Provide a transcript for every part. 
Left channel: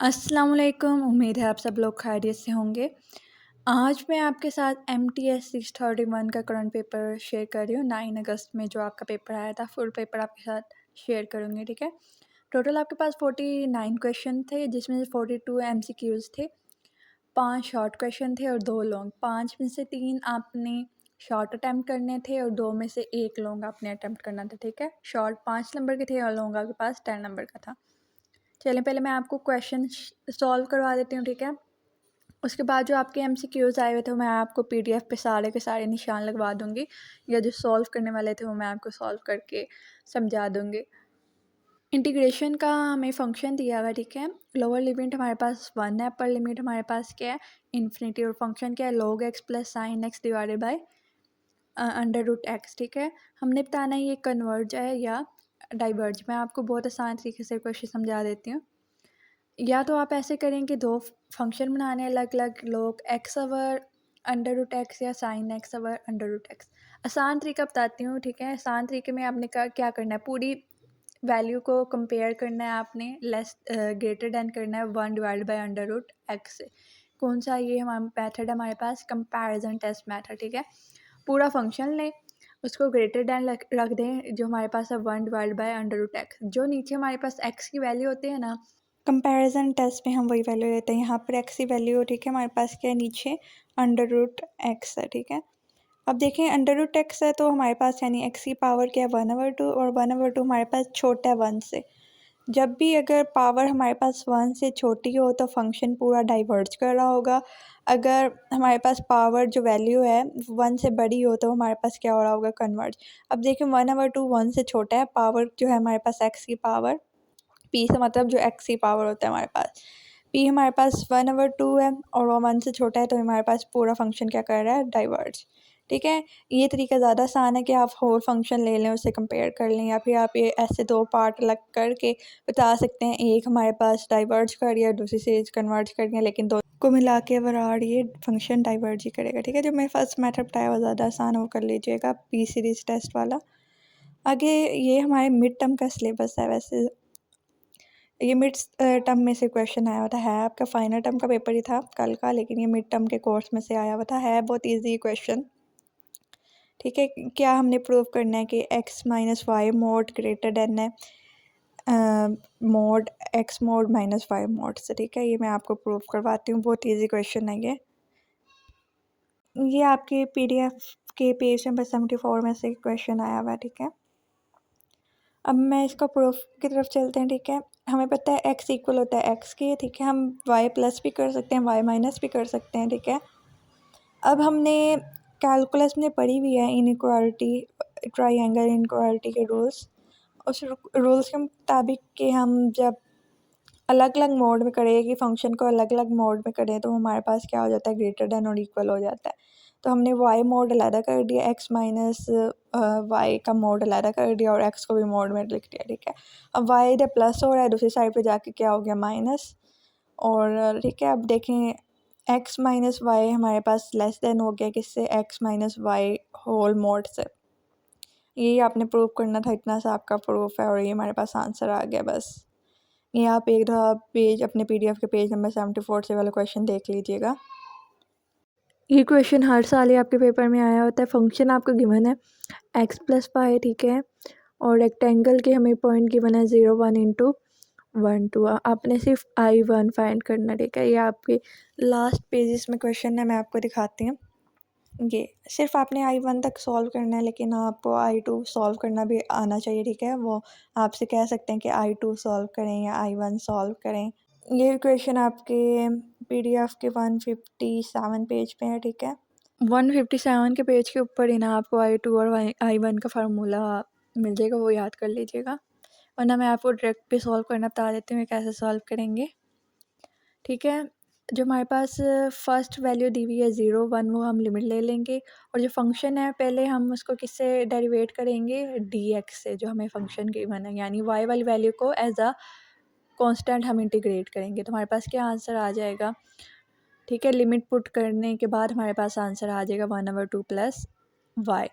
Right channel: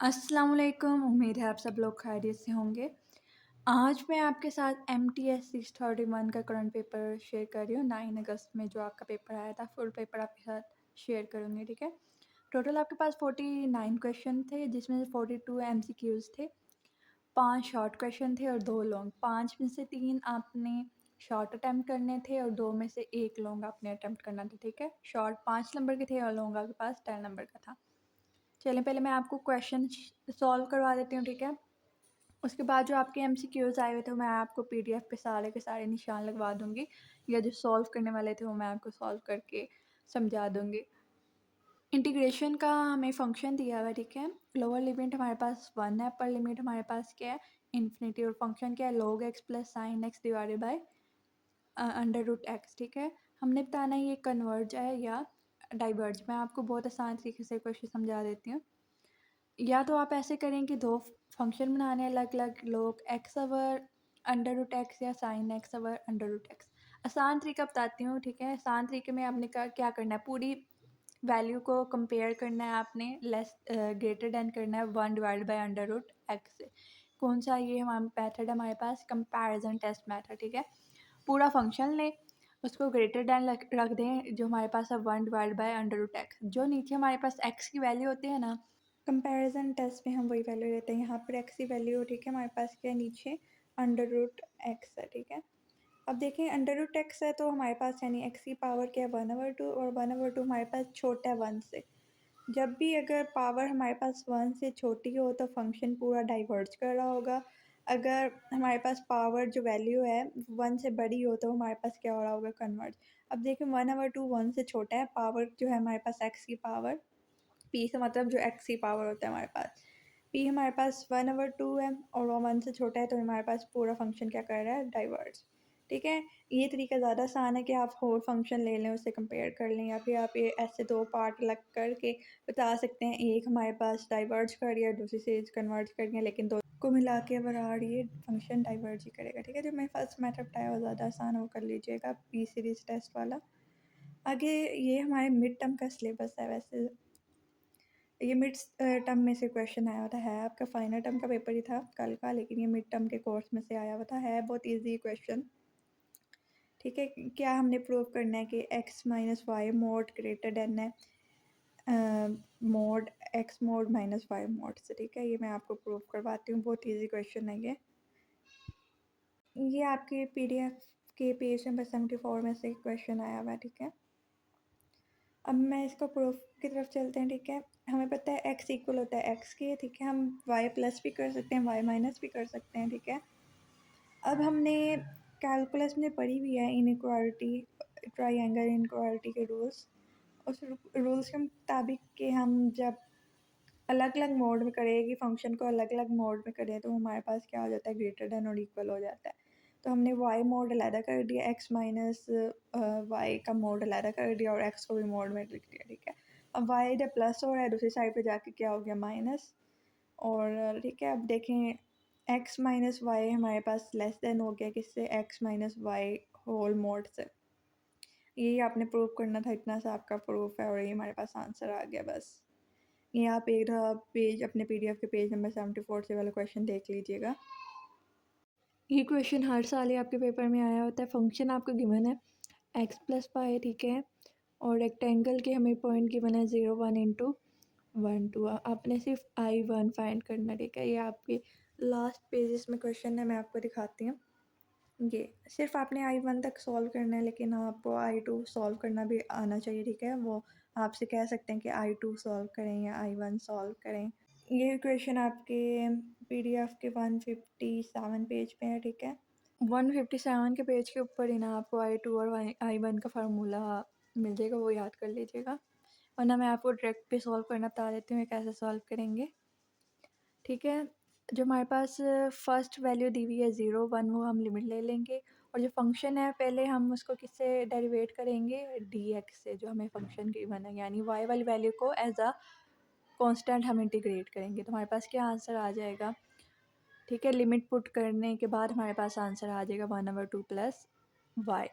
अस्सलाम वालेकुम। उम्मीद है आप सब लोग खैरियत से होंगे। आज मैं आपके साथ MTS 631 का करंट पेपर शेयर कर रही हूँ। 9 अगस्त में जो आपका पेपर आया था, फुल पेपर आपके साथ शेयर करूँगी, ठीक है। टोटल आपके पास 49 क्वेश्चन थे, जिसमें से 42 MCQs थे, 5 शॉर्ट क्वेश्चन थे और 2 लॉन्ग। 5 में से 3 आपने शॉर्ट अटैम्प्ट करने थे और 2 में से 1 लॉन्ग आपने अटैम्प्ट करना था, ठीक है। शॉर्ट 5 नंबर के थे और लॉन्ग आपके पास 10 नंबर का था। चलिए पहले मैं आपको क्वेश्चन सॉल्व करवा देती हूँ, ठीक है। उसके बाद जो आपके MCQs आए हुए थे, मैं आपको PDF पे सारे के सारे निशान लगवा दूँगी, या जो सॉल्व करने वाले थे वो मैं आपको सॉल्व करके समझा दूँगी। इंटीग्रेशन का हमें फ़ंक्शन दिया हुआ है, ठीक है। लोअर लिमिट हमारे पास 1 है, अपर लिमिट हमारे पास क्या है, इन्फिनिटी, और फंक्शन क्या है, log x plus sin x divided by under root x, ठीक है। हमने बताना है ये कन्वर्ज है या डाइवर्ज। मैं आपको बहुत आसान तरीके से क्वेश्चन समझा देती हूँ। या तो आप ऐसे करें कि 2 फंक्शन बनाने अलग-अलग, log x over under root x या sin x over under root x. आसान तरीका बताती हूँ, ठीक है। आसान तरीके में आपने क्या करना है, पूरी वैल्यू को कंपेयर करना है आपने, ग्रेटर दैन करना है 1 divided by under root x से। कौन सा ये हमारा मेथड है हमारे पास, कंपैरिजन टेस्ट मेथड, ठीक है। पूरा फंक्शन लें, उसको ग्रेटर दैन रख दें, जो हमारे पास है 1 divided by under root x. जो नीचे हमारे पास एक्स की वैल्यू होती है ना, कंपैरिजन टेस्ट में हम वही वैल्यू लेते हैं। यहाँ पर एक्स की वैल्यू, ठीक है, हमारे पास क्या है, नीचे अंडर रूट एक्स है, ठीक है। अब देखें अंडर रूट एक्स है तो हमारे पास यानी एक्स की पावर क्या है, 1/2, और 1/2 हमारे पास छोटा है 1 से। जब भी अगर पावर हमारे पास 1 से छोटी हो तो फंक्शन पूरा डाइवर्ज कर रहा होगा। अगर हमारे पास पावर जो वैल्यू है 1 से बड़ी हो तो हमारे पास क्या हो रहा होगा, कन्वर्ज। अब देखिए 1/2 1 से छोटा है, पावर जो है हमारे पास एक्स की पावर, पी से मतलब जो एक्स की पावर होता है हमारे पास, पी हमारे पास 1/2 है और वो 1 से छोटा है, तो हमारे पास पूरा फंक्शन क्या कर रहा है, डाइवर्ज, ठीक है। ये तरीका ज़्यादा आसान है कि आप होल फंक्शन ले लें, उससे कंपेयर कर लें, या फिर आप ये ऐसे 2 पार्ट अलग करके बता सकते हैं, एक हमारे पास डाइवर्ज कर दिया, दूसरी से कन्वर्ज कर दिया, लेकिन दो को मिला के ओवरऑल ये फंक्शन डाइवर्ज ही करेगा, ठीक है। जो मैं फर्स्ट मेथड बताया वो ज़्यादा आसान हो, कर लीजिएगा, पी सीरीज टेस्ट वाला। आगे ये हमारे मिड टर्म का सिलेबस है। वैसे ये मिड टर्म में से क्वेश्चन आया हुआ था, है आपका फाइनल टर्म का पेपर ही था कल का, लेकिन ये मिड टर्म के कोर्स में से आया हुआ था, है बहुत इजी क्वेश्चन, ठीक है। क्या हमने प्रूव करना है कि x minus y mod greater than है mod x mod minus y mod से, ठीक है। ये मैं आपको प्रूव करवाती हूँ, बहुत इजी क्वेश्चन है ये आपके PDF के पेज नंबर 74 में से क्वेश्चन आया हुआ है, ठीक है। अब मैं इसका प्रूफ की तरफ चलते हैं, ठीक है। हमें पता है x इक्वल होता है x के, ठीक है। हम y प्लस भी कर सकते हैं, y माइनस भी कर सकते हैं, ठीक है। अब हमने कैलकुलस में पढ़ी हुई है इनइक्वालिटी, ट्राइएंगल इनइक्वालिटी के रूल्स। उस रूल्स के मुताबिक कि हम जब अलग अलग मोड में करें, कि फ़ंक्शन को अलग अलग मोड में करें, तो हमारे पास क्या हो जाता है, ग्रेटर दैन और इक्वल हो जाता है। तो हमने वाई मोड अलहदा कर दिया, एक्स माइनस वाई का मोड अलहदा कर दिया, और एक्स को भी मोड में लिख दिया, ठीक है। अब वाई इधर प्लस हो रहा है, दूसरी साइड पे जाके क्या हो गया, माइनस, और ठीक है। अब देखें एक्स माइनस वाई हमारे पास लेस देन हो गया किससे, x minus y whole mod से। यही आपने प्रूव करना था, इतना सा आपका प्रूफ है, और ये हमारे पास आंसर आ गया बस। ये आप एक दफ़ा पेज अपने PDF के पेज नंबर 74 से वाला क्वेश्चन देख लीजिएगा। ये क्वेश्चन हर साल ही आपके पेपर में आया होता है। फंक्शन आपको गिवन है x प्लस वाई, ठीक है, और रेक्टेंगल के हमें पॉइंट गिवन है 0 1 इंटू 1 2। आपने सिर्फ I1 फाइंड करना, ठीक है। ये आपके लास्ट पेजेस में क्वेश्चन है, मैं आपको दिखाती हूँ। ये सिर्फ आपने I1 तक सॉल्व करना है, लेकिन आपको I2 सॉल्व करना भी आना चाहिए, ठीक है। वो आपसे कह सकते हैं कि I2 सॉल्व करें या I1 सॉल्व करें। ये क्वेश्चन आपके PDF के 157 पेज पे है, ठीक है। 157 के पेज के ऊपर ही ना आपको I2 और I1 का फार्मूला मिल जाएगा, वो याद कर लीजिएगा, वरना मैं आपको डायरेक्ट पे सॉल्व करना बता देती हूँ कैसे सॉल्व करेंगे, ठीक है। जो हमारे पास फर्स्ट वैल्यू दी हुई है 0 1, वो हम लिमिट ले लेंगे, और जो फंक्शन है पहले हम उसको किससे डेरिवेट करेंगे, dx से, जो हमें फंक्शन गिवन है, यानी y वाली वैल्यू को एज अ कांस्टेंट हम इंटीग्रेट करेंगे, तो हमारे पास क्या आंसर आ जाएगा, ठीक है। लिमिट पुट करने के बाद हमारे पास आंसर आ जाएगा 1/2 प्लस वाई।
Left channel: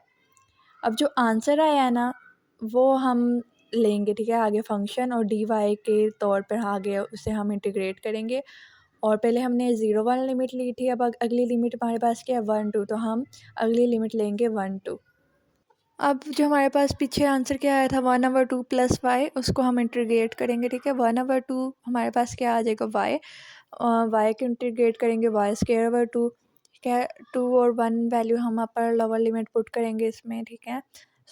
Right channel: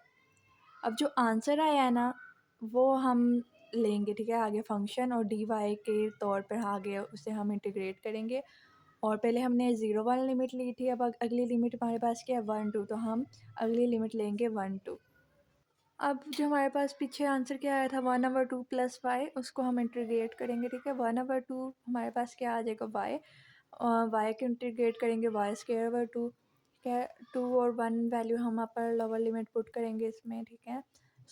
अब जो आंसर आया है ना, वो हम लेंगे, ठीक है, आगे फंक्शन और डी वाई के तौर पर आगे उसे हम इंटीग्रेट करेंगे। और पहले हमने 0 1 लिमिट ली थी, अब अगली लिमिट हमारे पास क्या है 1 2, तो हम अगली लिमिट लेंगे 1 2। अब जो हमारे पास पीछे आंसर क्या आया था 1/2 + y, उसको हम इंटीग्रेट करेंगे, ठीक है। 1/2 हमारे पास क्या आ जाएगा y, y को इंटीग्रेट करेंगे y²/2, ठीक है। 2 और 1 वैल्यू हम अपर लोअर लिमिट पुट करेंगे इसमें, ठीक है।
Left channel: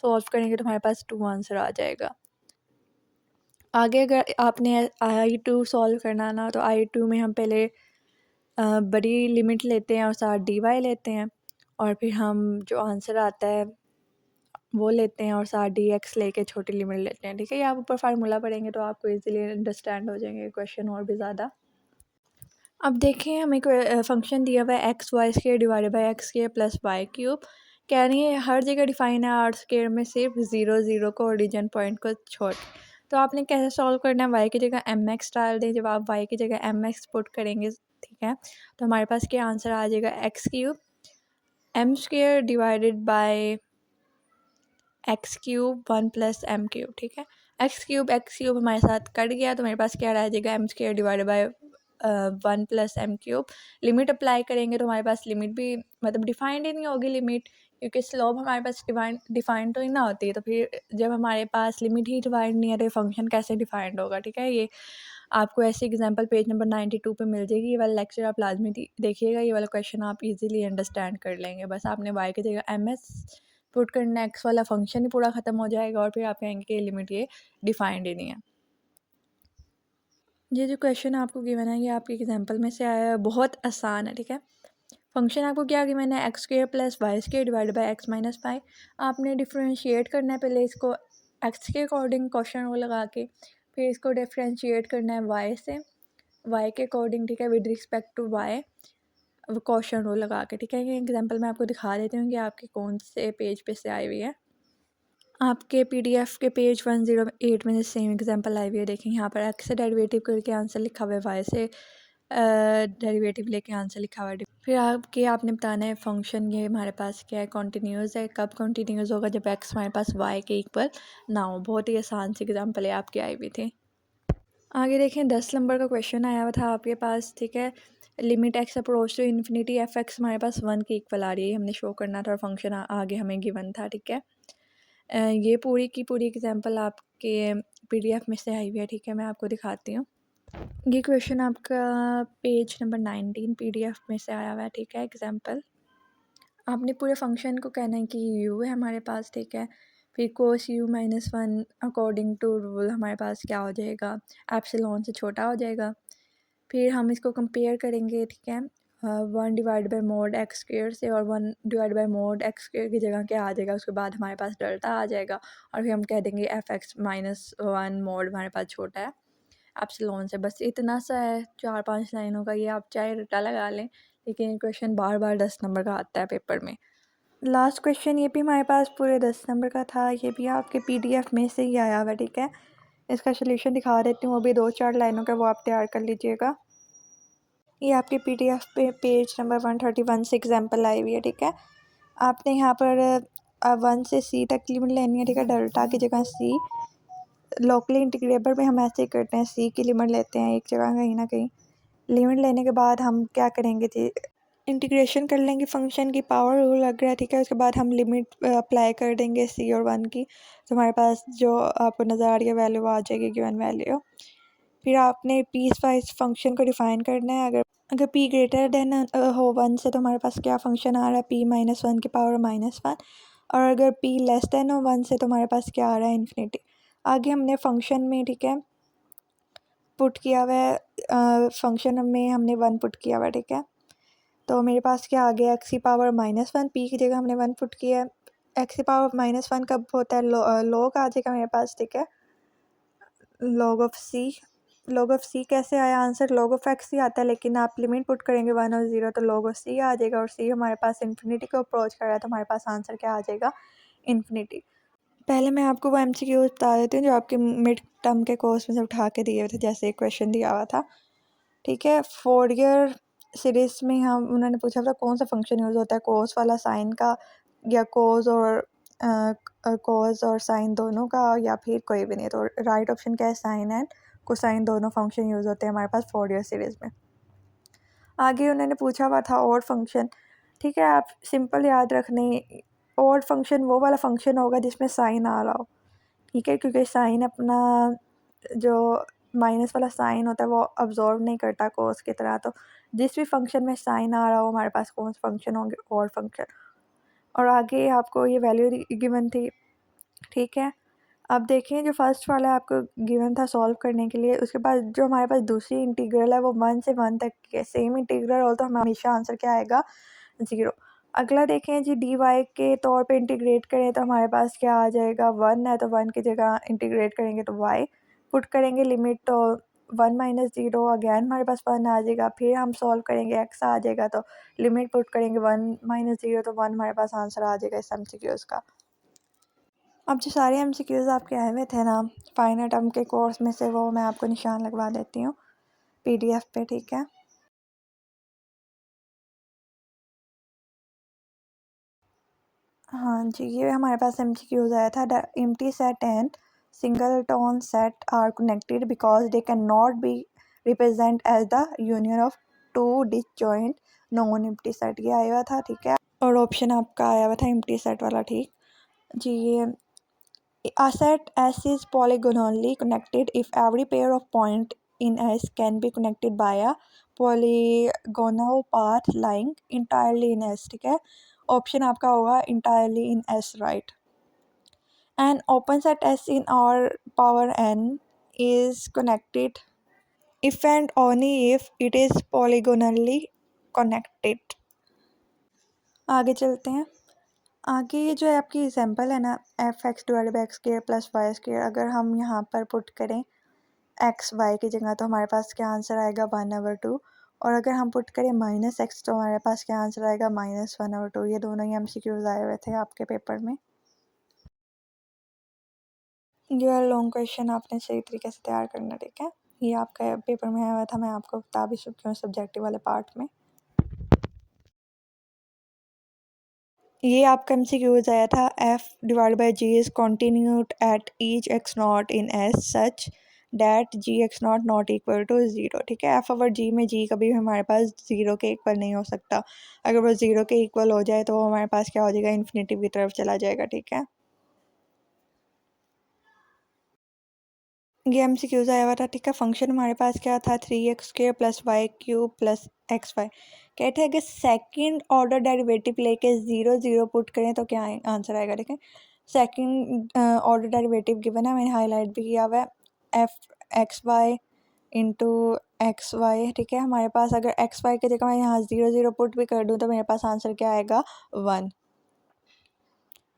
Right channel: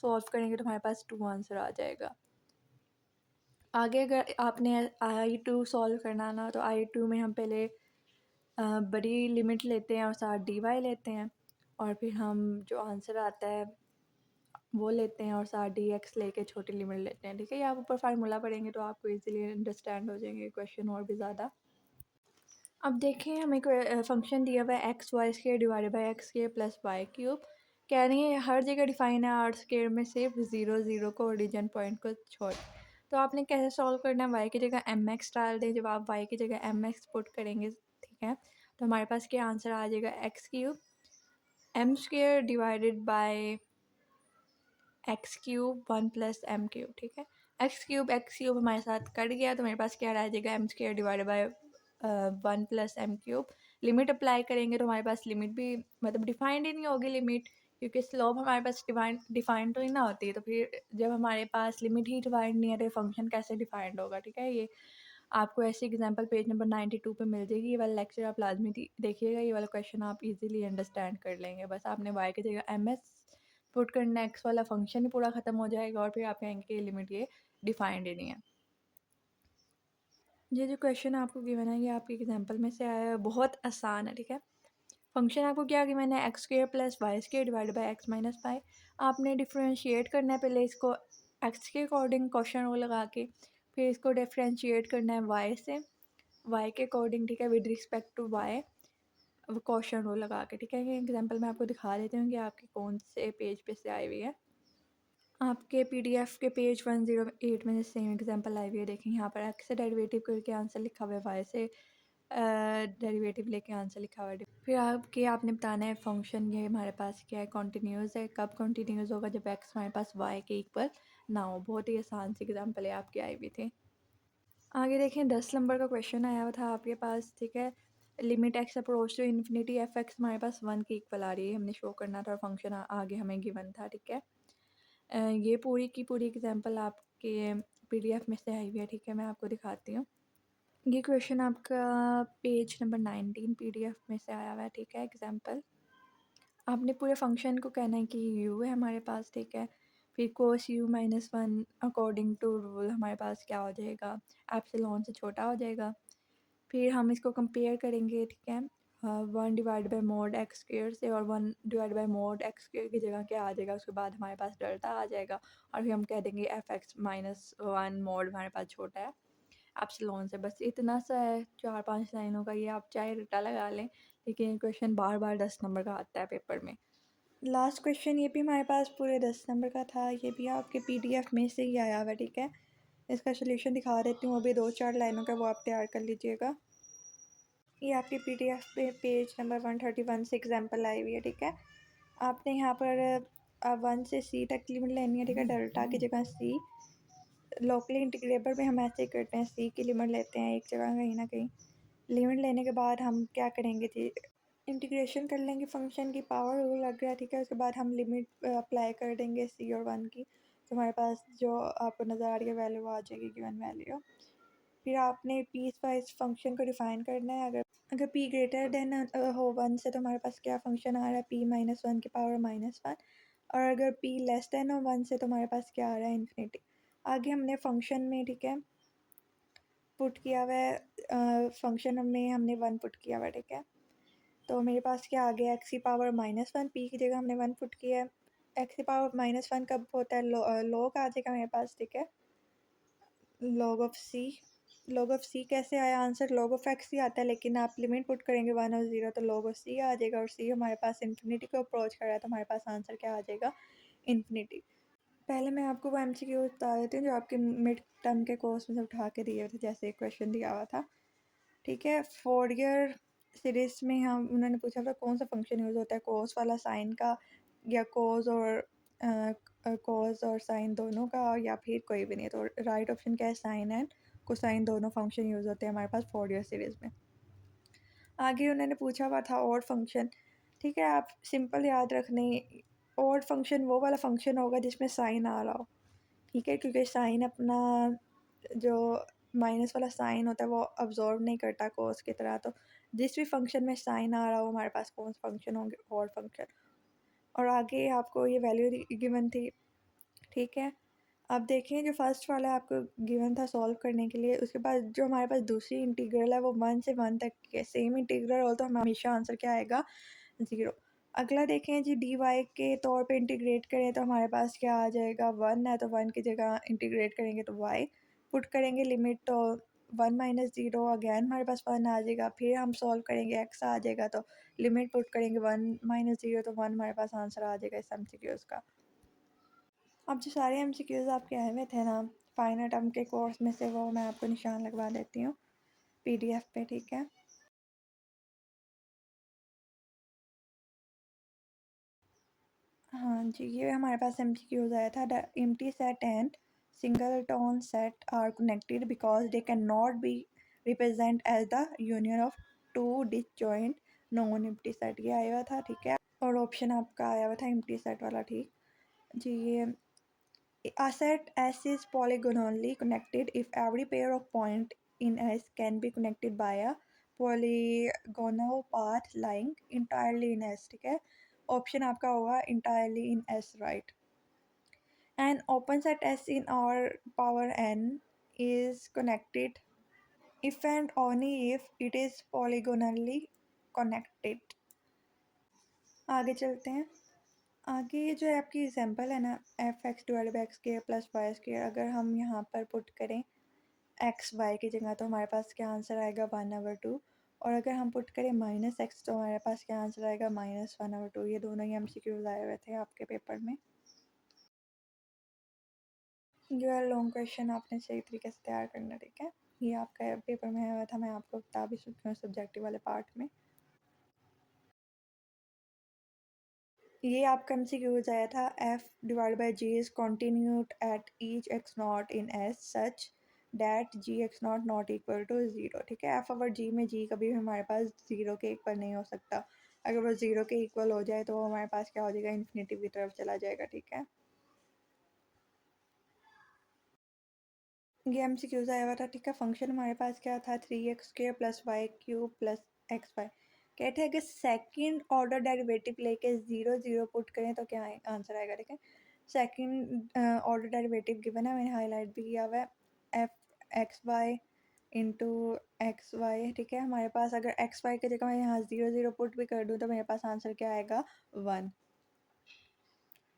सॉल्व करेंगे तो हमारे पास 2 आंसर आ जाएगा। आगे अगर आपने I2 सॉल्व करना ना, तो I2 में हम पहले बड़ी लिमिट लेते हैं और साथ dy लेते हैं, और फिर हम जो आंसर आता है वो लेते हैं और साथ dx लेके छोटी लिमिट लेते हैं, ठीक है। ये आप ऊपर फार्मूला पढ़ेंगे तो आपको इजीली अंडरस्टैंड हो जाएंगे क्वेश्चन और भी ज़्यादा। अब देखें, हमें फंक्शन दिया हुआ है x² divided by x² + y³। कह रही है हर जगह डिफाइन है r² में, सिर्फ 0 0 को ओरिजिन पॉइंट को छोड़। तो आपने कैसे सॉल्व करना है, y की जगह mx डाल दें। जब आप y की जगह mx पुट करेंगे, ठीक है, तो हमारे पास क्या आंसर आ जाएगा x³ m² divided by x³ 1 + m³, ठीक है। x³ हमारे साथ कट गया तो मेरे पास क्या रह जाएगा m² divided by 1 + m³। Limit apply करेंगे तो हमारे पास लिमिट भी मतलब डिफाइंड ही नहीं होगी लिमिट, क्योंकि स्लोप हमारे पास डिफाइंड तो ही ना होती है। तो फिर जब हमारे पास लिमिट ही डिफाइंड नहीं है तो फंक्शन कैसे डिफाइंड होगा, ठीक है। ये आपको ऐसी एग्जांपल पेज नंबर 92 पे मिल जाएगी। ये वाला लेक्चर आप लाजमी देखिएगा, ये वाला क्वेश्चन आप इजीली अंडरस्टैंड कर लेंगे। बस आपने y की जगह एम एस पुट करना, एक्स वाला फंक्शन ही पूरा ख़त्म हो जाएगा और फिर आप कहेंगे कि लिमिट ये डिफाइंड ही नहीं है। ये जो क्वेश्चन आपको गिवन है ये आपके एग्जांपल में से आया है, बहुत आसान है, ठीक है। फंक्शन आपको क्या गिवन है x² + y² divided by x - y। आपने डिफ्रेंशिएट करना है पहले इसको x के अकॉर्डिंग क्वेश्चन वो लगा के, फिर इसको डिफ्रेंशिएट करना है y से, y के अकॉर्डिंग, ठीक है, with respect to y question वो लगा के, ठीक है। ये एग्जांपल मैं आपको दिखा देती हूँ कि आपके कौन से पेज पे से आई हुई है। आपके पीडीएफ के पेज 108 में सेम एग्जांपल आई हुई है। देखें यहाँ पर एक्स से डेरिवेटिव करके आंसर लिखा हुआ है, वाई से डेरिवेटिव लेके आंसर लिखा हुआ है। फिर आपने बताना है फंक्शन ये हमारे पास क्या है, कॉन्टीन्यूस है। कब कॉन्टीन्यूस होगा, जब एक्स हमारे पास वाई के इक्वल ना हो। बहुत ही आसान सी एग्जांपल है आपकी आई हुई थी। आगे देखें 10 नंबर का क्वेश्चन आया हुआ था आपके पास, ठीक है। Limit x approach to infinity F x हमारे पास 1 के इक्वल आ रही है, हमने शो करना था और फंक्शन आगे हमें गिवन था, ठीक है। ये पूरी की पूरी एग्जांपल आपके पीडीएफ में से आई हुई है, ठीक है। मैं आपको दिखाती हूँ। ये क्वेश्चन आपका पेज नंबर 19 पीडीएफ में से आया हुआ है, ठीक है। एग्जांपल आपने पूरे फंक्शन को कहना है कि यू है हमारे पास, ठीक है। फिर कोस u - 1 अकॉर्डिंग टू रूल हमारे पास क्या हो जाएगा, एप्सिलॉन से छोटा हो जाएगा। फिर हम इसको कंपेयर करेंगे, ठीक है, 1 divide by mode x square से, और 1 divide by mode x square की जगह क्या आ जाएगा, उसके बाद हमारे पास डेल्टा आ जाएगा। और फिर हम कह देंगे f(x - 1) मोड हमारे पास छोटा है एप्सिलॉन से। बस इतना सा है, 4 5 लाइनों का। ये आप चाहे रट्टा लगा लें, लेकिन ये क्वेश्चन बार बार 10 नंबर का आता है पेपर में। लास्ट क्वेश्चन ये भी हमारे पास पूरे 10 नंबर का था, ये भी आपके पीडीएफ में से ही आया हुआ है, ठीक है। इसका सोल्यूशन दिखा देती हूँ, वो भी 2 4 लाइनों का, वो आप तैयार कर लीजिएगा। ये आपके पीडीएफ पे पेज नंबर 131 से एग्जांपल आई हुई है, ठीक है। आपने यहाँ पर 1 से c तक लिमिट लेनी है, ठीक है। डेल्टा की जगह c, लोकली इंटीग्रेबल में हम ऐसे ही करते हैं, c की लिमिट लेते हैं एक जगह कहीं ना कहीं। लिमिट लेने के बाद हम क्या करेंगे जी, इंटीग्रेशन कर लेंगे फंक्शन की, पावर रूल लग रहा है, ठीक है। उसके बाद हम लिमिट अप्लाई कर देंगे c और 1 की, तो हमारे पास जो आपको नज़र आ रही है वैल्यू आ जाएगी, गिवन वैल्यू। फिर आपने पीस वाइज फंक्शन को डिफाइन करना है। अगर p ग्रेटर देन हो 1 से, तो हमारे पास क्या फंक्शन आ रहा है, p - 1 की पावर -1। और अगर p लेस देन हो 1 से, तो हमारे पास क्या आ रहा है, इन्फिनिटी। आगे हमने फंक्शन में, ठीक है, पुट किया हुआ है, फंक्शन में हमने 1 पुट किया हुआ है, ठीक है। तो मेरे पास क्या आ गया, एक्स की पावर -1, p की जगह हमने 1 पुट किया है। एक्स की पावर -1 कब होता है, लॉग आ जाएगा मेरे पास, ठीक है, log of c. Log of c कैसे आया आंसर, लॉग ऑफ एक्स ही आता है, लेकिन आप लिमिट पुट करेंगे 1 और 0, तो लॉग ऑफ सी आ जाएगा। और सी हमारे पास इन्फिनिटी को अप्रोच कर रहा है, तो हमारे पास आंसर क्या आ जाएगा, इन्फिनिटी। पहले मैं आपको वो एमसीक्यूज बता देती हूँ जो आपके मिड टर्म के कोर्स में से उठा के दिए हुए थे। जैसे एक क्वेश्चन दिया हुआ था, ठीक है, फोरियर सीरीज़ में हम उन्होंने पूछा था कौन सा फंक्शन यूज़ होता है, कोस वाला साइन का या कोस और कॉज और साइन दोनों का, या फिर कोई भी नहीं। तो राइट ऑप्शन क्या है, साइन एंड कोसाइन दोनों फंक्शन यूज़ होते हैं हमारे पास फोरियर सीरीज़ में। आगे उन्होंने पूछा हुआ था ऑड फंक्शन। ठीक है, आप सिंपल याद रखने, ऑड फंक्शन वो वाला फंक्शन होगा जिसमें साइन आ रहा हो। ठीक है, क्योंकि साइन अपना जो माइनस वाला साइन होता है वो अब्जॉर्व नहीं करता कोस की तरह। तो जिस भी फंक्शन में साइन आ रहा हो हमारे पास कौन से फंक्शन होंगे, ऑड फंक्शन। और आगे आपको ये वैल्यू गिवन थी। ठीक है, अब देखिए जो फर्स्ट वाला आपको गिवन था सॉल्व करने के लिए, उसके बाद जो हमारे पास दूसरी इंटीग्रल है वो 1 से 1 तक की है। सेम इंटीग्रल हो तो हमेशा आंसर क्या आएगा, 0। अगला देखें जी, डी वाई के तौर पे इंटीग्रेट करें तो हमारे पास क्या आ जाएगा, 1 है तो 1 की जगह इंटीग्रेट करेंगे तो वाई पुट करेंगे, लिमिट तो 1 माइनस 0, अगैन हमारे पास 1 आ जाएगा। फिर हम सॉल्व करेंगे, एक्स आ जाएगा तो लिमिट पुट करेंगे 1 माइनस 0, तो 1 हमारे पास आंसर आ जाएगा इस एमसीक्यूज़ का। अब जो सारे एमसीक्यूज़ आपके आए हुए थे ना फाइनल टर्म के कोर्स में से, वो मैं आपको निशान लगवा देती हूँ पीडीएफ पे। ठीक है, हाँ जी, ये हमारे पास एमसीक्यूज़ आया था। The empty set and singleton set are connected because they can not be represent as the union of two disjoint non empty set, ये आया हुआ था। ठीक है, और ऑप्शन आपका आया हुआ था एम्प्टी सेट वाला। ठीक जी, ये a set S is polygonally connected if every pair of point in S can be connected by a polygonal path lying entirely in S। ठीक है, ऑप्शन आपका होगा entirely in S, right। An open set S in R power n is connected if and only if it is polygonally connected। आगे चलते हैं। आगे ये जो है आपकी एग्जांपल है ना, F x divide by x square plus y square, अगर हम यहाँ पर पुट करें एक्स वाई की जगह तो हमारे पास क्या आंसर आएगा, 1/2। और अगर हम पुट करें माइनस एक्स तो हमारे पास क्या आंसर आएगा, -1/2। ये दोनों ही एमसीक्यूज आए हुए थे आपके पेपर में। जो है लॉन्ग क्वेश्चन आपने सही तरीके से तैयार करना। ठीक है, ये आपका पेपर में आया हुआ था, मैं आपको बता भी चुकी हूँ सब्जेक्टिव वाले पार्ट में। ये आपका एमसीक्यूज आया था, F divide by G is continued at each x not in S such that G x not not equal to 0। ठीक है, एफ ओवर जी में जी कभी भी हमारे पास 0 के इक्वल नहीं हो सकता। अगर वो 0 के इक्वल हो जाए तो हमारे पास क्या हो जाएगा, इन्फिनिटी की तरफ चला जाएगा। ठीक है, ये एमसीक्यूज आया हुआ था। ठीक है, फंक्शन हमारे पास क्या था, 3x² plus y cube plus x y. कहते हैं कि सेकंड ऑर्डर डेरिवेटिव लेके 0 0 पुट करें तो क्या आंसर आएगा। ठीक है, सेकंड ऑर्डर डेरिवेटिव गिवन है, मैंने हाईलाइट भी किया हुआ है, F x y into x y. ठीक है, हमारे पास अगर एक्स वाई की जगह मैं यहाँ 0 0 पुट भी कर दूँ तो मेरे पास आंसर क्या आएगा, 1।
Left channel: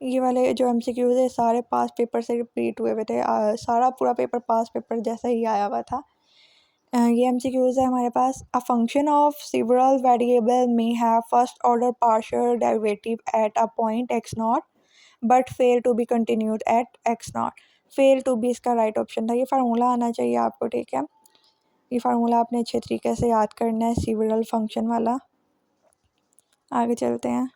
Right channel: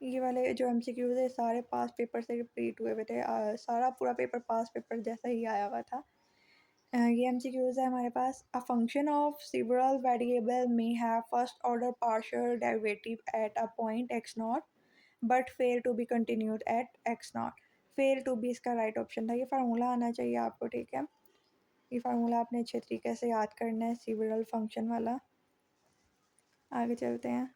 ये वाले जो एमसीक्यूज़ है सारे पास पेपर से रिपीट हुए हुए थे। सारा पूरा पेपर पास पेपर जैसा ही आया हुआ था। ये एमसीक्यूज़ है हमारे पास। A function of several variable में have first order partial derivative at a point x naught but fail to be continued at x naught. Fail to be इसका राइट ऑप्शन था। ये फार्मूला आना चाहिए आपको। ठीक है, ये फार्मूला आपने अच्छे तरीके से याद करना है, सेवरल फंक्शन वाला। आगे चलते हैं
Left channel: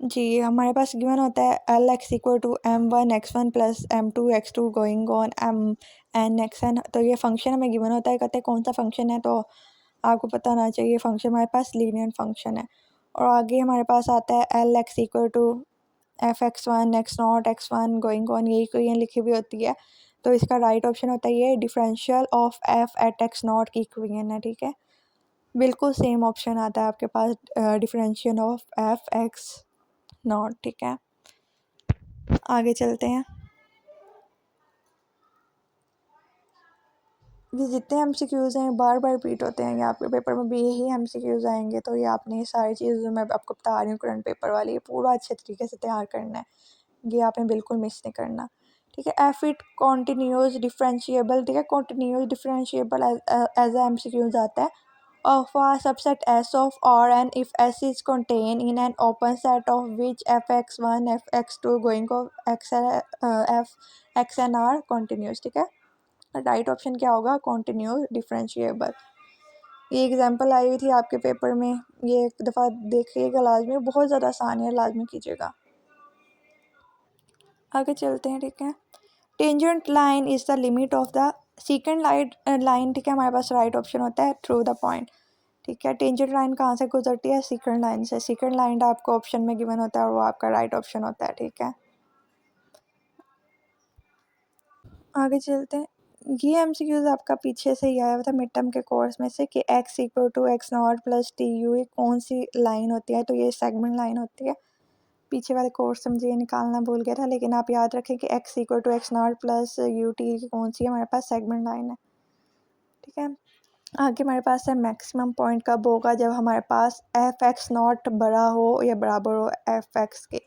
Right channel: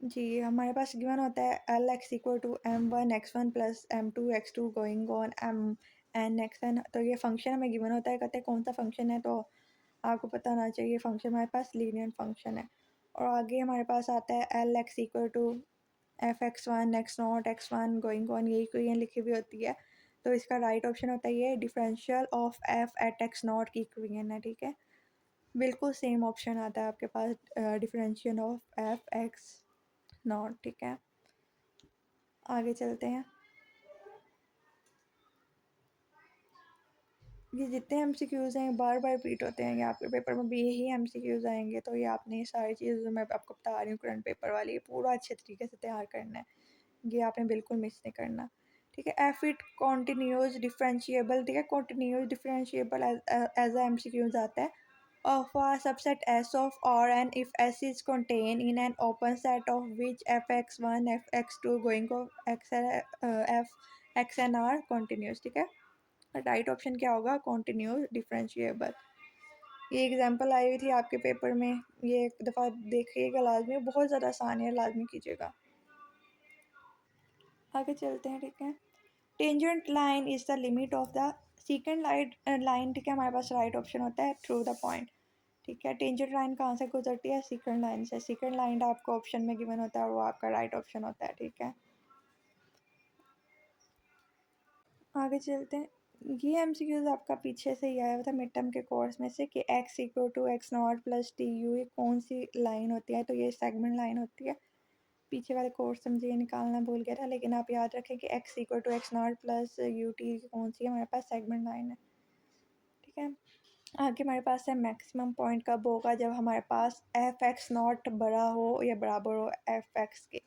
जी, हमारे पास गिवन होता है L x equal to m1 x1 plus m2 x2 going on m(n)(xn)। तो ये फंक्शन हमें गिवन होता है, कहते हैं कौन सा फंक्शन है, तो आपको पता होना चाहिए फंक्शन हमारे पास लीनियर फंक्शन है। और आगे हमारे पास आता है L x equal to f(x1 x0 x1 going on), यही कोई लिखी हुई होती है। तो इसका राइट ऑप्शन होता है ये differential of f at x naught की इक्वेशन है। ठीक है, बिल्कुल सेम ऑप्शन आता है आपके पास, differential of f x naught. ठीक है, आगे चलते हैं। ये जितने एमसीक्यूज़ हैं बार बार रिपीट होते हैं, ये आपके पेपर में भी यही एमसीक्यूज़ आएंगे। तो ये आपने ये सारी चीज़ जो मैं आपको बता रही हूँ करंट पेपर वाली, ये पूरा अच्छे तरीके से तैयार करना है। ये आपने बिल्कुल मिस नहीं करना। ठीक है, एफ इट कॉन्टीन्यूस डिफरेंशिएबल। ठीक है, continuous differentiable as a MCQs आता है of a subset S of R and if S is contained in an open set of which fx1 fx2 going of x f x and R continuous। ठीक है, right option क्या होगा, continuous differentiable. ये example I हुई थी आपके paper में, ये एक दफ़ा देखिएगा लाजमी, बहुत ज़्यादा आसान है, लाजमी कीजिएगा। आगे चलते हैं, ठीक है। Tangent line is the limit of the second line, ठीक है, हमारे पास राइट ऑप्शन होता है थ्रू द पॉइंट, ठीक है। टेंजेंट लाइन कहाँ से गुजरती है? सेकंड लाइन से। सेकंड लाइन आपको ऑप्शन में गिवन होता है और वो आपका राइट ऑप्शन होता है, ठीक है। आगे चलते हैं। ये एमसीक्यूज आपका पीछे से ही आया हुआ था मिड टर्म के कोर्स में से कि x equal to x not plus T U, ये कौन सी लाइन होती है? तो ये सेगमेंट लाइन होती है। पीछे वाले कोर्स से मुझे ये निकालना भूल गया था, लेकिन आप याद रखें कि x equal to x not plus U T कौन सी है? हमारे पास सेगमेंट लाइन है, ठीक है। आगे हमारे पास है मैक्सिमम पॉइंट कब होगा? जब हमारे पास एफ एक्स नॉट बड़ा हो या बराबर हो एफ एक्स के।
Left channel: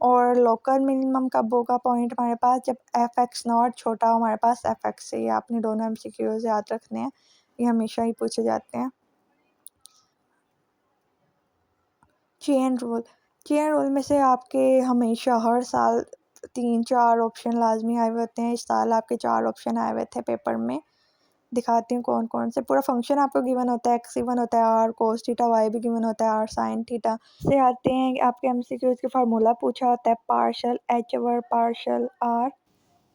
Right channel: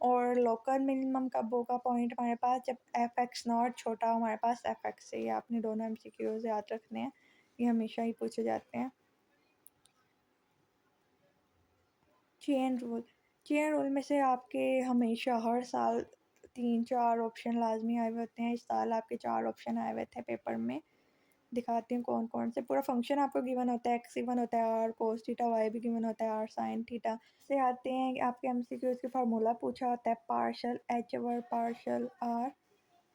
और लोकल मिनिमम कब होगा पॉइंट हमारे पास? जब एफ एक्स नॉट छोटा हो हमारे पास एफ एक्स से। ये आपने दोनों एमसीक्यूज याद रखने हैं, ये हमेशा ही पूछे जाते हैं। चेन रूल में से आपके हमेशा हर साल 3-4 ऑप्शन लाजमी आए हुए होते हैं। इस साल आपके 4 ऑप्शन आए हुए थे पेपर में, दिखाती हूँ कौन कौन से। पूरा फंक्शन आपको गिवन होता है, एक्स गिवन होता है, आर कोस थीटा, वाई भी गिवन होता है, आर साइन थीटा। से आते हैं कि आपके एमसीक्यूज के फार्मूला पूछा होता है, partial H over partial R,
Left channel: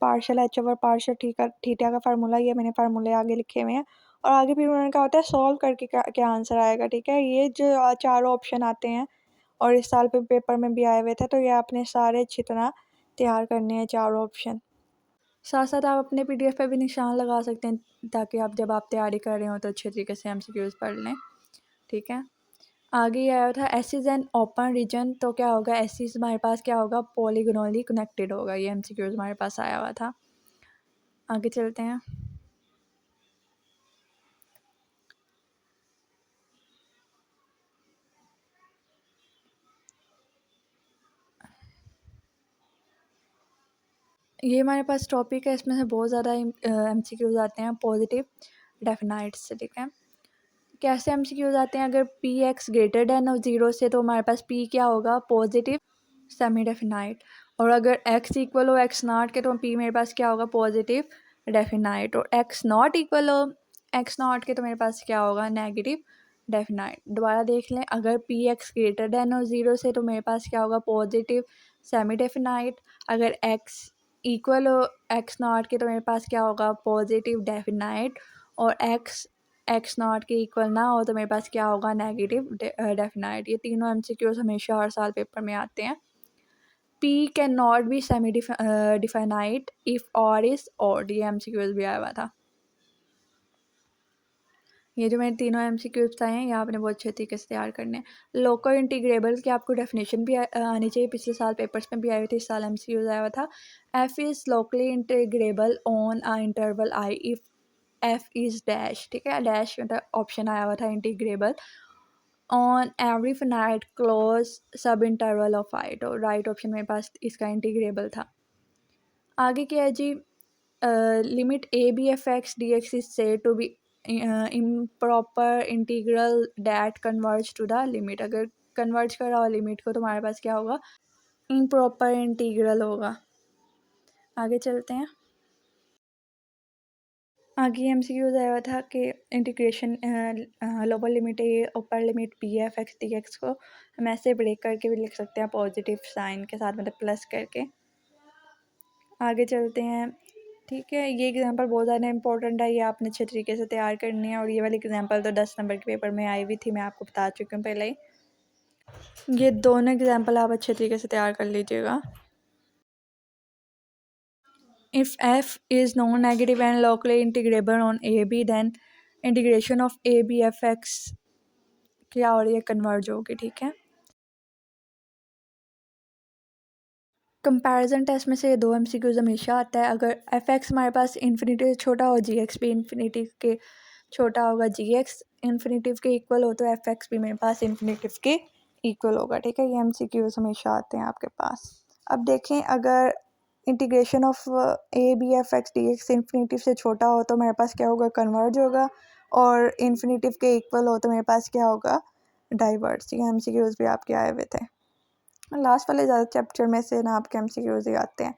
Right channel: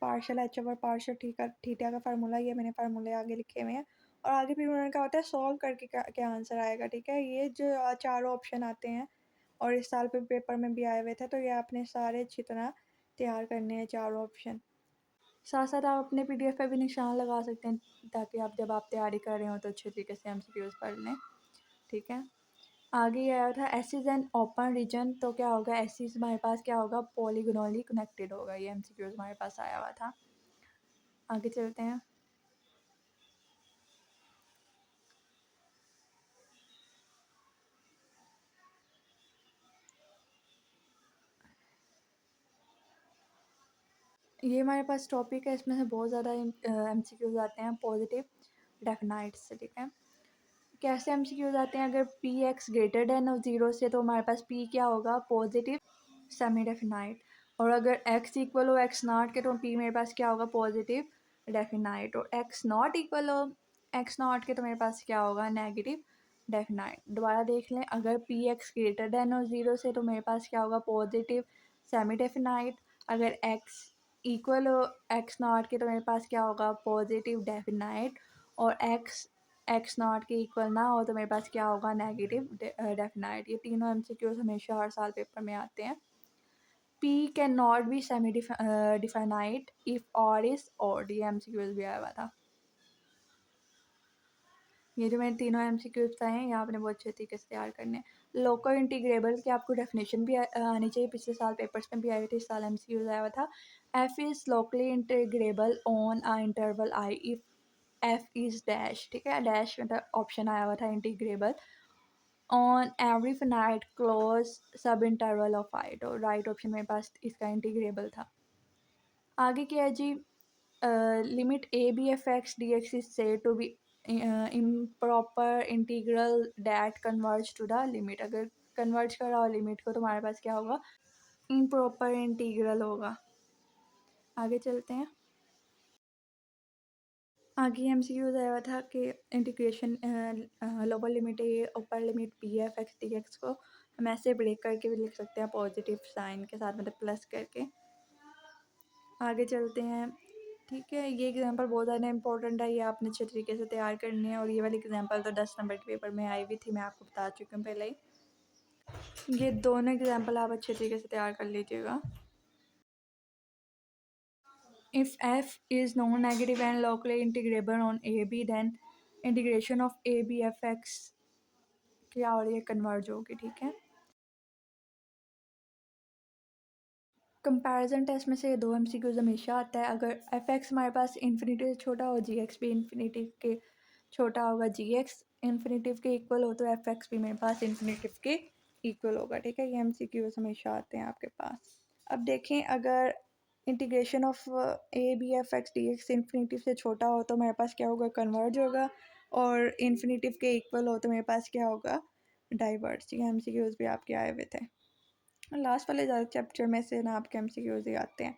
partial H over partial theta का फार्मूला, ये मैंने फार्मूले आगे लिखे हुए हैं। और आगे फिर उन्होंने कहा होता है सॉल्व करके क्या आंसर आएगा, ठीक है। ये जो चारों ऑप्शन आते हैं और इस साल पे पेपर में भी आए हुए थे, तो ये आपने सारे अच्छी तरह तैयार करने हैं चारों ऑप्शन। साथ साथ आप अपने पीडीएफ पे भी निशान लगा सकते हैं, ताकि आप जब आप तैयारी कर रहे हो तो अच्छे तरीके से एमसीक्यूज पढ़ लें, ठीक है। आगे ये आया था S is an open region, तो क्या होगा? एस इज़ हमारे पास क्या होगा? पॉलीगोनली कनेक्टेड होगा। ये एमसीक्यूज हमारे पास आया हुआ था। आगे चलते हैं। ये हमारे पास टॉपिक है, इसमें से बहुत ज़्यादा एमसीक्यूज आते हैं पॉजिटिव डेफिनाइट से, ठीक है। कैसे एमसीक्यूज आते हैं? अगर पी एक्स ग्रेटर देन 0 से, तो हमारे पास पी क्या होगा? Positive semi definite. और अगर एक्स इक्वल हो एक्स नॉट के, तो पी मेरे पास क्या होगा? Positive definite. और एक्स नॉट इक्वल हो एक्स नॉट के, तो मेरे पास क्या होगा? Negative definite. दोबारा देख लें, अगर पी एक्स ग्रेटर देन हो 0 से, तो मेरे पास क्या होगा? Positive semi definite. अगर एक्स इक्वल हो एक्स नॉट के, तो मेरे पास क्या होगा? Positive definite. और एक्स नॉट के इक्वल ना हो, तो मेरे पास क्या होगा? Negative definite. ये तीनों एमसीक्यूज हमेशा हर साल पेपर में आते हैं। P can not B semi definite if और इज ऑड, ये एमसीक्यूज भी आया हुआ था। ये जो मैंने तीनों एमसीक्यूज बताए हैं, ये आपने बहुत अच्छे तरीके से तैयार करने हैं। लोकल इंटीग्रेबल की आपको डेफिनेशन भी आनी चाहिए, पिछले साल पेपर्स में भी आई हुई थी, इस साल एमसीक्यूज आया हुआ था। F is locally integrable on a interval I if f is dash, ठीक है। डैश मतलब ऑप्शन आया हुआ था integrable on every finite close sub interval of I, तो राइट ऑप्शन मेरे पास इसका इंटीग्रेबल था। आगे क्या है जी? Limit A B F x D x is said to be improper integral that converge to the limit. अगर कन्वर्ज कर रहा हो लिमिट को, तो हमारे पास क्या होगा? इम्प्रॉपर इंटीग्रल होगा। आगे चलते हैं। आगे एमसीक्यूज आया हुआ था कि integration lower limit a upper limit b F x D x को हम ऐसे ब्रेक करके भी लिख सकते हैं, पॉजिटिव साइन के साथ, मतलब प्लस करके। आगे चलते हैं, ठीक है। ये एग्जांपल बहुत ज़्यादा इंपॉर्टेंट है, ये आपने अच्छे तरीके से तैयार करनी है। और ये वाली एग्जांपल तो 10 नंबर के पेपर में आई हुई थी, मैं आपको बता चुकी हूँ पहले ही। ये दोनों एग्जांपल आप अच्छे तरीके से तैयार कर लीजिएगा। If f is non-negative and locally integrable on AB, then integration of ABFX क्या हो रही है? कन्वर्ज होगी, ठीक है। कंपैरिजन टेस्ट में से ये दो एमसीक्यूज हमेशा आता है। अगर एफ एक्स हमारे पास इन्फिनिटी से छोटा हो, जी एक्स भी इन्फिनिटी के छोटा होगा, जी एक्स इन्फिनिटिव के इक्वल हो, तो एफ एक्स भी मेरे पास इन्फिनिटिव के इक्वल होगा, ठीक है। ये एमसीक्यूज हमेशा आते हैं आपके पास। अब देखें, अगर integration of A B F x D x infinitive से छोटा हो, तो मेरे पास क्या होगा? कन्वर्ज होगा। और इन्फिनिटिव के इक्वल हो, तो मेरे पास क्या होगा? डाइवर्ज। ये एमसीक्यूज भी आपके आए हुए थे। लास्ट वाले ज़्यादा चैप्टर में से ना आपके एमसीक्यूज ही आते हैं।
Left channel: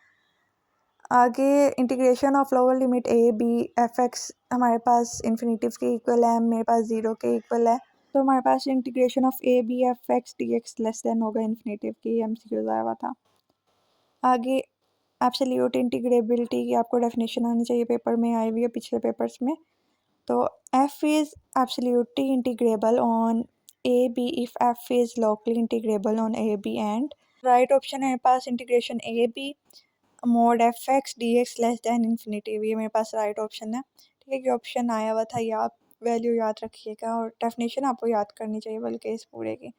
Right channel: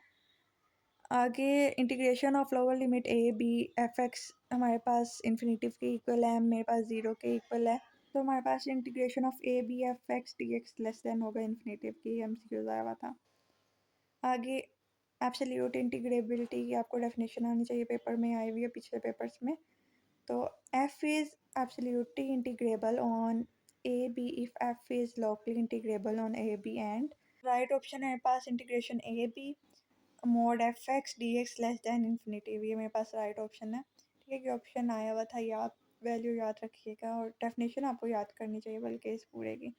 आगे integration of lower limit A B F x हमारे पास इन्फिनेटिव के इक्वल है, मेरे पास 0 के इक्वल है, तो हमारे पास integration of A B F x D x less than होगा इन्फिनेटिव की। MCQ आया हुआ था। आगे एब्सोल्यूट इंटीग्रेबिलिटी की आपको डेफिनेशन आनी चाहिए, पेपर में आई हुई है पिछले पेपर्स में। तो f is absolutely integrable on a b if f is locally integrable on a b and right option है मेरे पास integration a b mod f x dx less than infinity, ये मेरे पास राइट ऑप्शन है। ठीक है, ये ऑप्शन आया हुआ था, ये आप वैल्यू याद रखिएगा और डेफिनेशन आपको याद करनी चाहिए बल्कि इस पूरे की।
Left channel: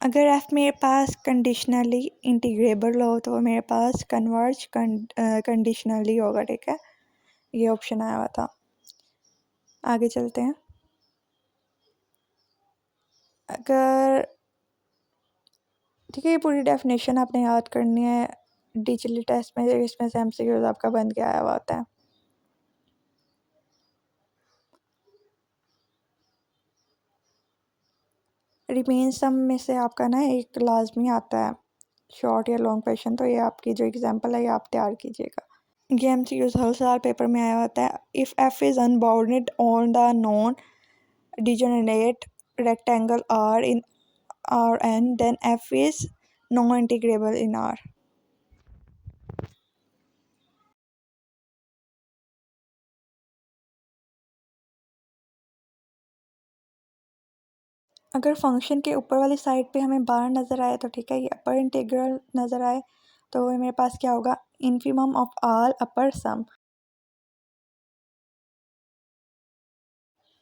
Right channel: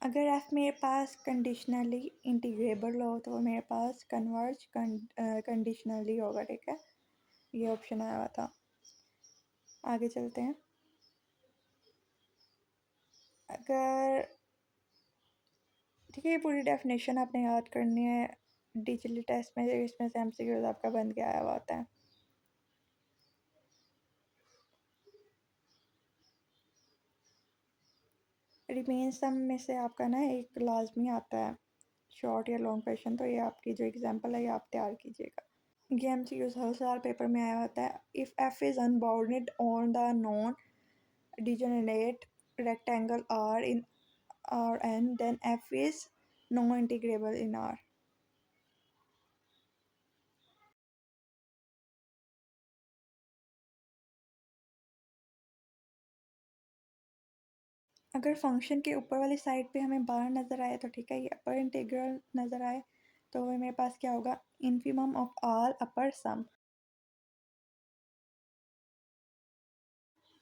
अगर f मेरे पास कंडीशनली इंटीग्रेबल हो तो मेरे पास कन्वर्ज कंडीशनली होगा। ठीक है, ये ऑप्शन आया हुआ था। आगे चलते हैं। अगर ठीक है, ये पूरी डेफिनेशन आपने याद करनी है, डिजिटली टेस्ट में इसमें से MCQ आपका बन के आया हुआ होता है। रिमेन सम में से आपका ना एक लाजमी आता है शॉर्ट या लॉन्ग क्वेश्चन, तो ये आपकी जो एग्जांपल है ये आप तैयार कीजिएगा। ये MCQ हर साल पेपर में आया होता है। If f is unbounded on the non degenerate rectangle R in Rn then f is non-integrable in R। अगर फंक्शन के ऊपर वाली साइड पे हमें बार नज़र आए तो ठीक है, ये अपर इंटीग्रल नज़र आए तो मेरे पास क्या होगा, इन्फिमम ऑफ ऑल अपर सम।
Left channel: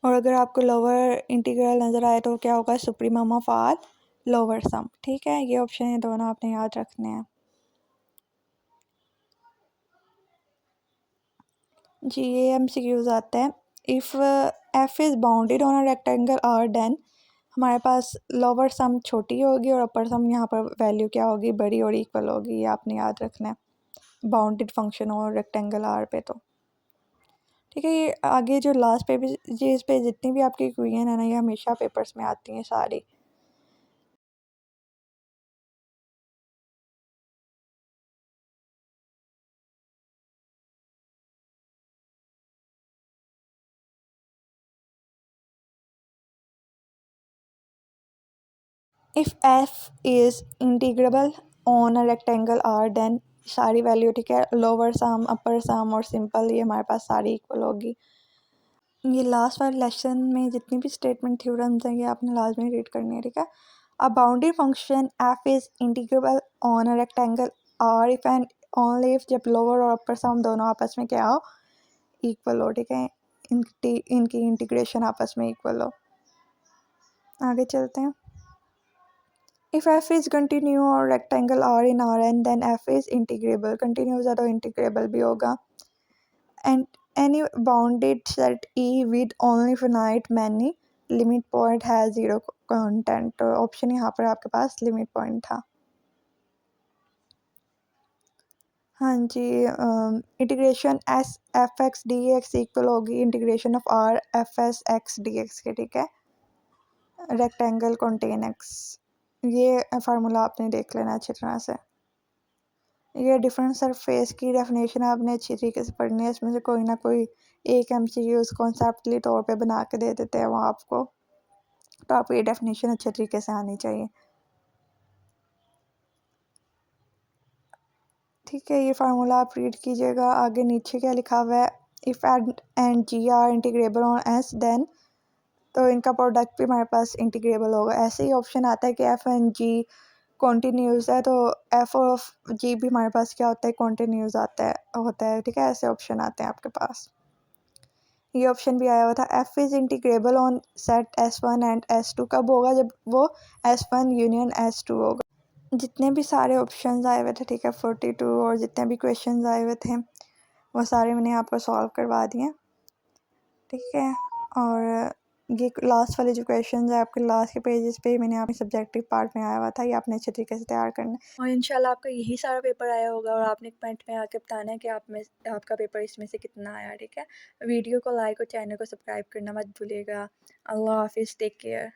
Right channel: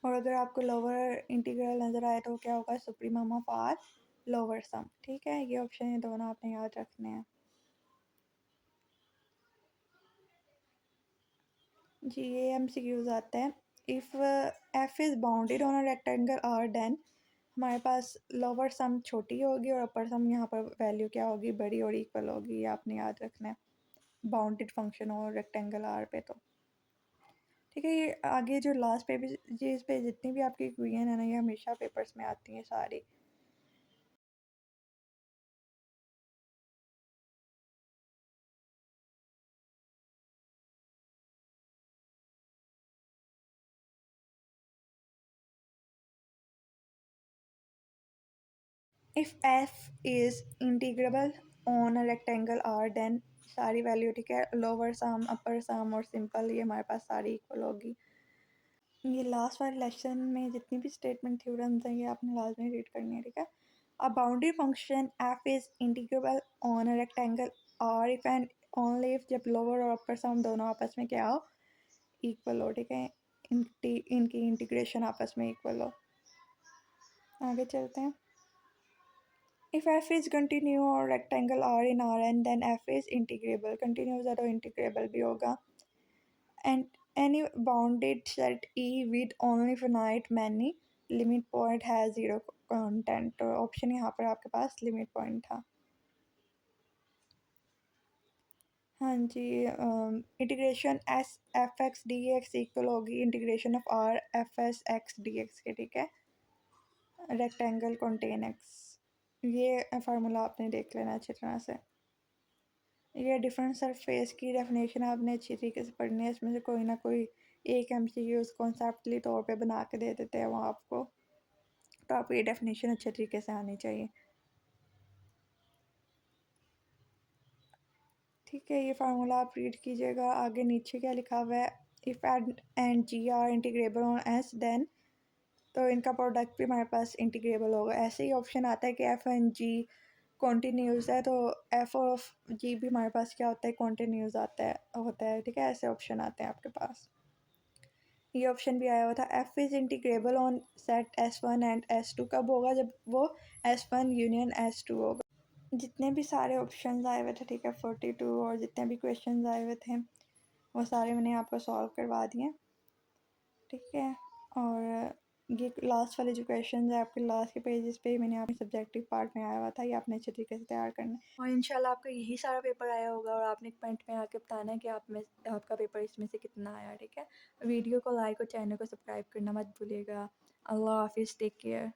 और अगर आपको लोअर इंटीग्रल नज़र आए तो क्या होगा, supremum of all lower sum. ठीक है, ये ऑप्शन है दोनों आपने याद रखने हैं। जी, ये MCQs आता है। If f is bounded on a rectangle R then हमारे पास लोअर सम छोटी होगी और अपर सम यहाँ पर वैल्यू क्या होगी, बड़ी और इक्वल होगी। ये आपने याद रखना है बाउंडेड फंक्शन और रेक्टेंगल R पे। तो ठीक है, ये आगे जो लास्ट पेजेस पे जितनी भी आपकी क्वेश्चन है ना, ये हमेशा पेपर्स में आती हैं सारी। If f is integrable on a rectangle R then सारी वैल्यू, ठीक है, लोअर सम अपर सम और सिंपल, ये हमारे पास सारी इक्वल होगी। ये लास्ट वाले लेसन में जितनी भी स्टेटमेंट थ्योरम्स हैं ये आपने लाजमी रीड करनी है। ठीक है, a bounded function f is integrable on a rectangle R if and only if जब लोअर और अपर सम दोनों आपस में क्या हो, इक्वल हो। ठीक है, इनकी इंटीग्रेशन आपस में इक्वल हो। आगे चलते हैं। इफ़ f इज़ कंटिन्यू और rectangle R in Rn then f is integrable. Continuous है तो इंटीग्रेबल भी होगा। And any bounded set E with only finite many limit point has zero content। तो ऑप्शन यहाँ पर आपके पास लिमिट पॉइंट था। हाँ जी, integration s f x D x equal होगी integration of r f s x D x के। ठीक है, रेक्टेंगल कॉन्टेन एक्स, ये फार्मूला आपने देख लेना अच्छी तरह से। ये डिफरेंट सरफेस की डेफिनेशन आपने अच्छी तरीके से पढ़नी है, इसमें से कोई ना कोई एक MCQ कॉन्सेप्टली तौर पे बना के दे देते हैं वो आपको, तो आपको ये डेफिनेशन अच्छे तरीके से आनी चाहिए। ठीक है, ये फार्मूला आप रीड कीजिएगा। आगे नीचे क्या लिखा हुआ है, if and G are integrable on S then, तो इनका प्रोडक्ट भी हमारे पास इंटीग्रेबल होगा। ऐसे ही ऑप्शन आता है कि एफ एंड जी कॉन्टीन्यूस है तो एफ ऑफ जी भी हमारे पास क्या होता है, कॉन्टीन्यूस होता है। ठीक है, ऐसे ऑप्शन आते हैं आपके पास। ये ऑप्शन भी आया हुआ था, f is integrable on set S1 and S2 कब होगा, जब वो S1 यूनियन S2 होगा। जितने भी सारे ऑप्शंस आए हुए थे, ठीक है, 42 और जितने भी क्वेश्चंस आए हुए थे वो सारे मैंने आपको सॉल्व करवा दिए। ठीक है, और ये लास्ट वाले जो क्वेश्चंस है आपके लास्ट के पेजेस पे मैंने आपके सब्जेक्टिव पार्ट में आया हुआ था, ये आपने अच्छे तरीके से तैयार करना है और इंशाल्लाह आपका यही सारा पेपर आया होगा और आपने कमेंट में आके बताना है कि आप में आपका पेपर इसमें से कितना आया। ठीक है, वीडियो को लाइक और चैनल को सब्सक्राइब करना मत भूलिएगा। अल्लाह हाफिज़, टेक केयर।